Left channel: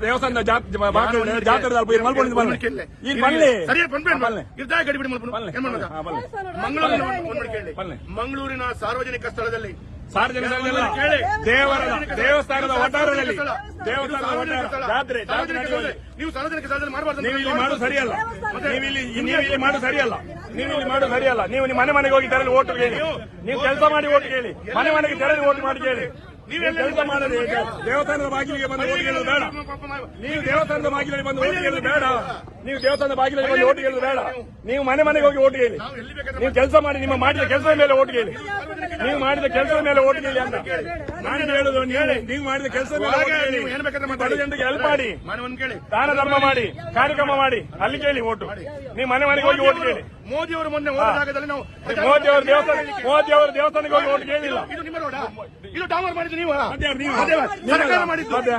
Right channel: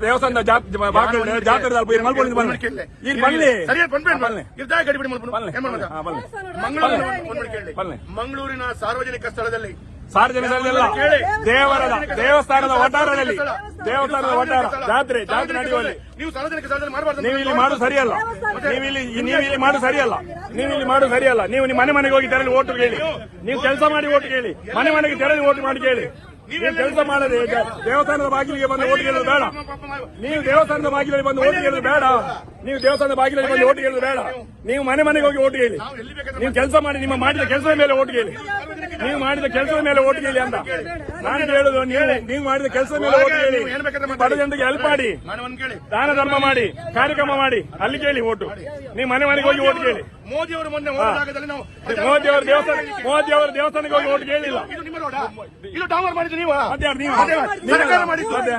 ದೇವಸ್ಥಾನದ ಜಾತ್ರೆ ಈಗ ಬನ್ನಿ. ಸರಿಯಾಗಿ ಬಂದ್ಬೇಡ ಬನ್ನಿ. ಇರ್ತಾ ಗಡಿ ಬಿಡಿ ಮಲ್ಪನು. ಬನ್ನಿ. ಏನ್ ಮಾಡೋದು? ಹಾ, ಬನ್ನಿ. ಮಂಗಳೂರಿನ ಒಂದು- ಒಂದು ಕೇಳಿ. ಬನ್ನಿ. ಮಂಗಳೂರಿನ ಸಾರ್ವಜನಿಕ ಸ್ಥಳದಲ್ಲಿ. ದೇವರದ ಸಾರ್ವಜನಿಕ ಸ್ಥಳ. ದೇವಸ್ಥಾನದ ವಠಾರದಲ್ಲಿ. ಸ್ಥಳ. ದೇವಸ್ಥಾನದ ಜಾತ್ರೆ ಸಾರ್ವಜನಿಕ ನೀವು ಸಾರ್ವಜನಿಕ ಸ್ಥಳದಲ್ಲಿ ಮಾಡಬಾರ್ದು ನೀವು ಇಲ್ಲಿ ಮಾಡು ಸರಿಯಲ್ಲ. ನೀವು ಇಲ್ಲಿ ನೀವು ಇಲ್ಲಿ ಮಾಡು ಸರಿಯಲ್ಲ. ನೀವು ಇಲ್ಲಿ ಮಾಡು ಸರಿಯಲ್ಲ. ನೀವು ನಿಮ್ಮ ಮನೆ ಮನೆಗೆ ಹೋಗಿ ನಾನು ಓಟು ಕೇಳಿ. ನೀವು ಕೆಲಸ ಮಾಡಿ ಓಟು ಕೇಳಿ. ಎಲ್ಲ ಮನೆಗೆ ಓಟು ಮಾಡಿ ಕೇಳಿ. ನೀವೆಲ್ಲ ಮಾಡದೆ ದೇವಸ್ಥಾನದ ಬಾಗಿಲಿಗೆ ಬಂದು ಓಟ್ ಕೇಳೋದು ಬೇಡ. ನೀವು ದೇವಸ್ಥಾನದ ಬಾಗಿಲಲ್ಲಿ ಬಂದು ಓಟ್ ಕೇಳೋದು ಬೇಡ. ನೀವು ದೇವಸ್ಥಾನದ ಬಾಗಿಲಲ್ಲಿ ಓಟ್ ಕೇಳುದು ಬೇಡ. ನೀವು ಮನೆ ಮನೆಗೆ ಹೋಗಿ ಓಟ್ ಕೇಳಿ ನೀವು ಕೆಲಸ ಮಾಡಿ ನಿಮ್ಮ ಮಾಡಿದ ಕೆಲಸ ಮೇಲೆ ಓಟ್ ಕೇಳಿ ನೀವು ಮಾಡಿದ ಕೆಲಸದ ಮೇಲೆ ಓಟ್ ಕೇಳಿ ಅಂತ. ನಾನು ಹೇಳುದು ನೀವು ನೀವು ಮಾಡಿದ ಕೆಲಸದ ಮೇಲೆ ಓಟ್ ಬೇಕಾದ್ರೆ ಬಡ ಜನರಿಗೆ ಹೆಲ್ಪ್ ಮಾಡಿ. ಮನೆ ಒಂದ್ ಕೇಳಿ. ಕಾರ್ಯಕ್ರಮ ಮಾಡಿ ಕಾರ್ಯಕ್ರಮ ಮಾಡಿ. ಅಲ್ಲಿ ಕೇಳಿ ಓಟು ನೀವು ಮನೆ ಮನೆಗೆ ಹೋಗಿ ಓಟ್ ಕೇಳಿ ಮೋದಿ ಅವರು ಮೊನ್ನೆ ಹೋದ ಜಾಗದಲ್ಲಿ ನಾವು ಅವರ ದೇವಸ್ಥಾನಕ್ಕೆ ಇದು ನಿಮ್ಮ ರೋಡ? ಇದು ಡಾಮರ್ ಮಾಡಿದ್ದು ನೀವು? ಸರ್ಕಾರ? ಮಾಡಿದ್ದು? ಇದು.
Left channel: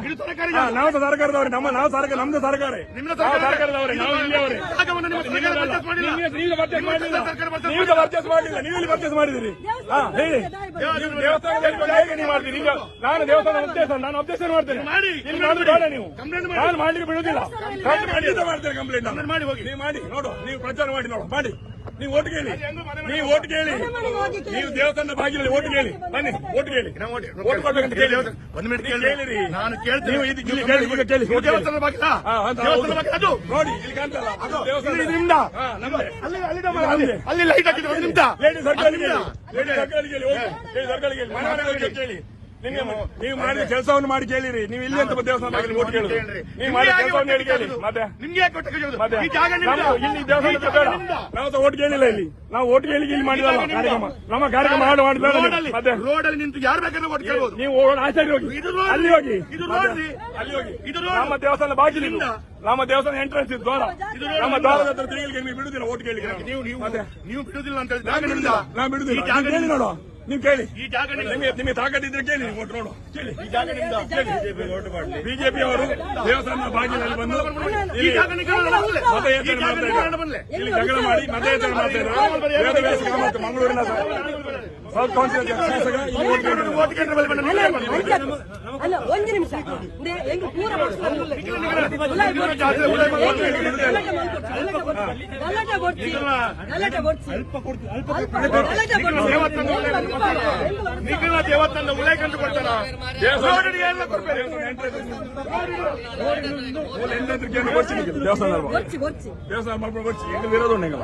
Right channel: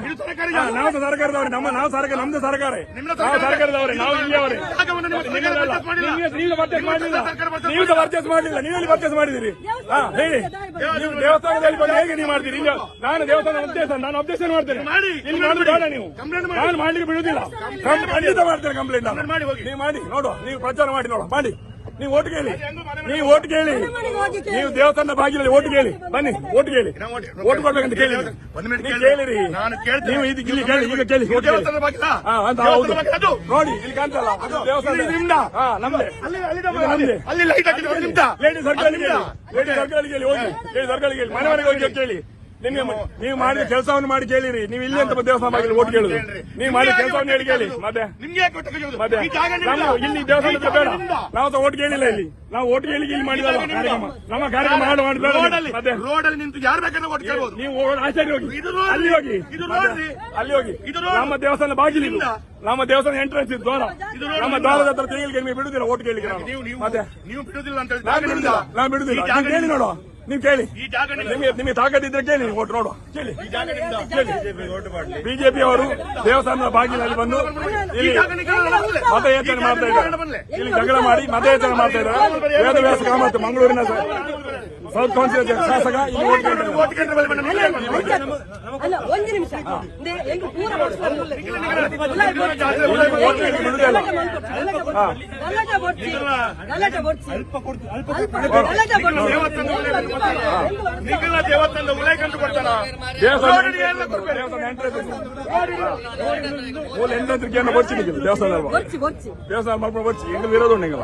ನಾವು ಸರ್ಕಾರದವರು ನಮ್ಮ ನಾವು ಸರ್ಕಾರ ನಮ್ದು ಸರ್ಕಾರ. ನಿಮ್ಮ ಸರ್ಕಾರ ನಾವು ಇಲ್ಲಿಯವರೇ. ಜಾಗವನ್ನು ನಿಮ್ಮ ಸರ್ಕಾರ ಪರ್ಚೇಸ್ ಮಾಡಿಲ್ಲ. ನೀವು ಮಾಡಿಲ್ಲ. ಸರ್ಕಾರ ಮಾಡಿಲ್ಲ. ನೀವು ಮಾಡಿದಿರಿ ಹಾ ಹೇಳಿ. ದೇವಸ್ಥಾನದಲ್ಲಿ ನಾನು ಮಾಡ್ತೇನೆ. ಮಾಡಿ. ಮಾಡಿ. ಖಂಡಿತ ಮಾಡ್ತೇನೆ ಕಂಪ್ಲೇಂಟ್. ಮಾಡಿ ಹೋಗಿ. ನೀವು ಮಾಡಿ. ನೋಡುವ. ನೀವು ಪ್ರಚಾರ ಮಾಡಿ ನೋಡುವ. ಮಾಡಿ. ನೀವು ಓಟ್ ಕೇಳಿ. ನೀವು ಓಟ್ ಕೇಳಿ. ನೀವು ದೇವಸ್ಥಾನ ಬಾಗಿಲಲ್ಲಿ ಓಟ್ ಕೇಳಿ. ಬನ್ನಿ ಓಟ್ ಕೇಳಿ. ಓಟ್ ಕೊಡ್ಬೇಕಂತ ಕೇಳಿ ನೀವು ಕೇಳಿ. ಕೇಳಿರಿ. ನಾನು ಕೇಳ್ತೇನೆ. ನೀವು ಇದು ಇಲ್ಲಿ ಕೇಳಿ ಈಗ ಕೇಳಿ ಓಟ್ ಕೇಳಿ. ದೇವಸ್ಥಾನದ ಬಾಗಿಲ? ಹಾ, ಅದು ದೇವಸ್ಥಾನದ ಹೌದು. ಬಾಗಿಲ ಅದು? ನೋಡಿ ಇಲ್ಲಿ ಕಾಣ್ತಲ್ಲ ಅದು ದೇವಸ್ಥಾನ. ಇದು ನಿಮ್ದ? ಹಾ ಅಲ್ಲಿ ಅಲ್ಲಿ ಅಲ್ಲಿ ಲೈಟ್ ಹಾಕಿದ್ರೆ ನಿಮ್ದ ಲೇಡಿ ಸರ್ಕಾರ ನಿಮ್ದ? ಲೇಡಿ ಹೋಗಿ. ಲೇಡಿ ಹೋಗಿ ಕೇಳಿ. ನೀವು- ನೀವು ಮಾಡಿದ ಕೆಲಸವನ್ನು ಮಾಡಿ ಕೇಳಿರಿ. ನೀವು ಇಲ್ಲಿ ಅಂತ ದೇವಸ್ಥಾನ ಬಾಗಿಲು ಓಟ್ ಕೇಳಿ. ನೀವು ನಿಮ್ಗೆ ಯಾಕೆ ಹೊಟ್ಟೆ? ಅದೇ. ಈ ಜಾಗ ನಾವು? ನಾವು ಸಹ ಓಟ್ ಕೇಳಿಲ್ಲ ಇಲ್ಲಿ. ನಾವು ಓಟ್ ಕೇಳಿ ಇಲ್ಲಿ ಮಾಡಿಲ್ಲ ನಮ್ಮ ಕಾರ್ಯಕ್ರಮ ಮಾಡಿ ಮಾಡಿ ರೋಡಲ್ಲಿ ಮತ್ತೆ ನಿಂತು ಯಾರು ಬೇಕಾದ್ರೆ ಓಟ್ ಕೇಳಬಹುದು ನೀವು ಆಚಾರ್ಯ ಹೋಗಿ. ಇದು ರೋಡ್. ಅಲ್ಲಿ ಹೋಗಿ ಅಲ್ಲಿ ಹೋಗಿ. ಇದು ರೋಡ್. ನಮ್ಮ ದೇವಸ್ಥಾನ ಬಾಗಿಲಿಂದ ನಮ್ಮ ದೇವಸ್ಥಾನ ಎಂಟ್ರೆನ್ಸ್ ಇದ್ದು ಇದು ರೋಡ್. ನಮ್ಮ ದೇವಸ್ಥಾನ ಹತ್ರ ತಿರುಗಲಿಕ್ಕೆ ನಿಮಗೆ ಬಿಡುದಿಲ್ಲ ಓಟ್ ಕೇಳಿ ನಾನು ನೀವು. ನೀವು ಬಿಡುದಿಲ್ಲ ಅಂತ ನಾನು ಬಿಡುದಿಲ್ಲ. ನಾನು ಬಿಡುದಿಲ್ಲ. ಕೇಳಿ ನೋಡು. ನೀವು ಕೇಳಿ ನಿಮಗೆ? ನಿಮಗೆ ತಾಕತ್ತಿದ್ರೆ ಕೇಳಿ ಓಟ್ ನೋಡು ಕೇಳಿ ಕೇಳಿ. ಬಿಜೆಪಿ ಅವರು ದೇವಸ್ಥಾನದ ಬಾಗಿಲಲ್ಲಿ ಬಂದು ಇಲ್ಲಿ. ಮತಯಾಚನೆ ಮಾಡ್ತಾ ಇದ್ದಾರೆ. ಇಲ್ಲಿ ಜಗಳ ಮಾಡಿ ಮತಯಾಚನೆ ಮಾಡ್ತಾ ಇದ್ದಾರೆ ಮಂಗಳೂರಿನ ಶಾಸಕ ಇಲ್ಲಿ ಓಟ್ ಒಂದು ನಿಮಿಷ. ಗಲಾಟೆ ಬರ್ತಿ ಗಲಾಟೆ ಬರ್ತಿ ನಿಖಿಲ ದೇವಸ್ಥಾನದ ಉಲ್ಲೇಖ ಕೊಡ್ತಾರ ದೇವಸ್ಥಾನ ದೇವಸ್ಥಾನ ಎಂಟ್ರೆನ್ಸ್ ಇದೆ. ಮೂಲ ಎಂಟ್ರೆನ್ಸ್ ಕೇಂದ್ರ ಬಚ್ಚಿ ನಿಖಿಲ್ ದೇವಸ್ಥಾನ ಬರ್ಚಿ ಬರ್ಚಿ ದೇವಸ್ಥಾನ ಮಾಡ್ಕೊಂಡು ಬಚ್ಚಿ ಎಂಗಲ್ ಇರೋದು ಉಂಟು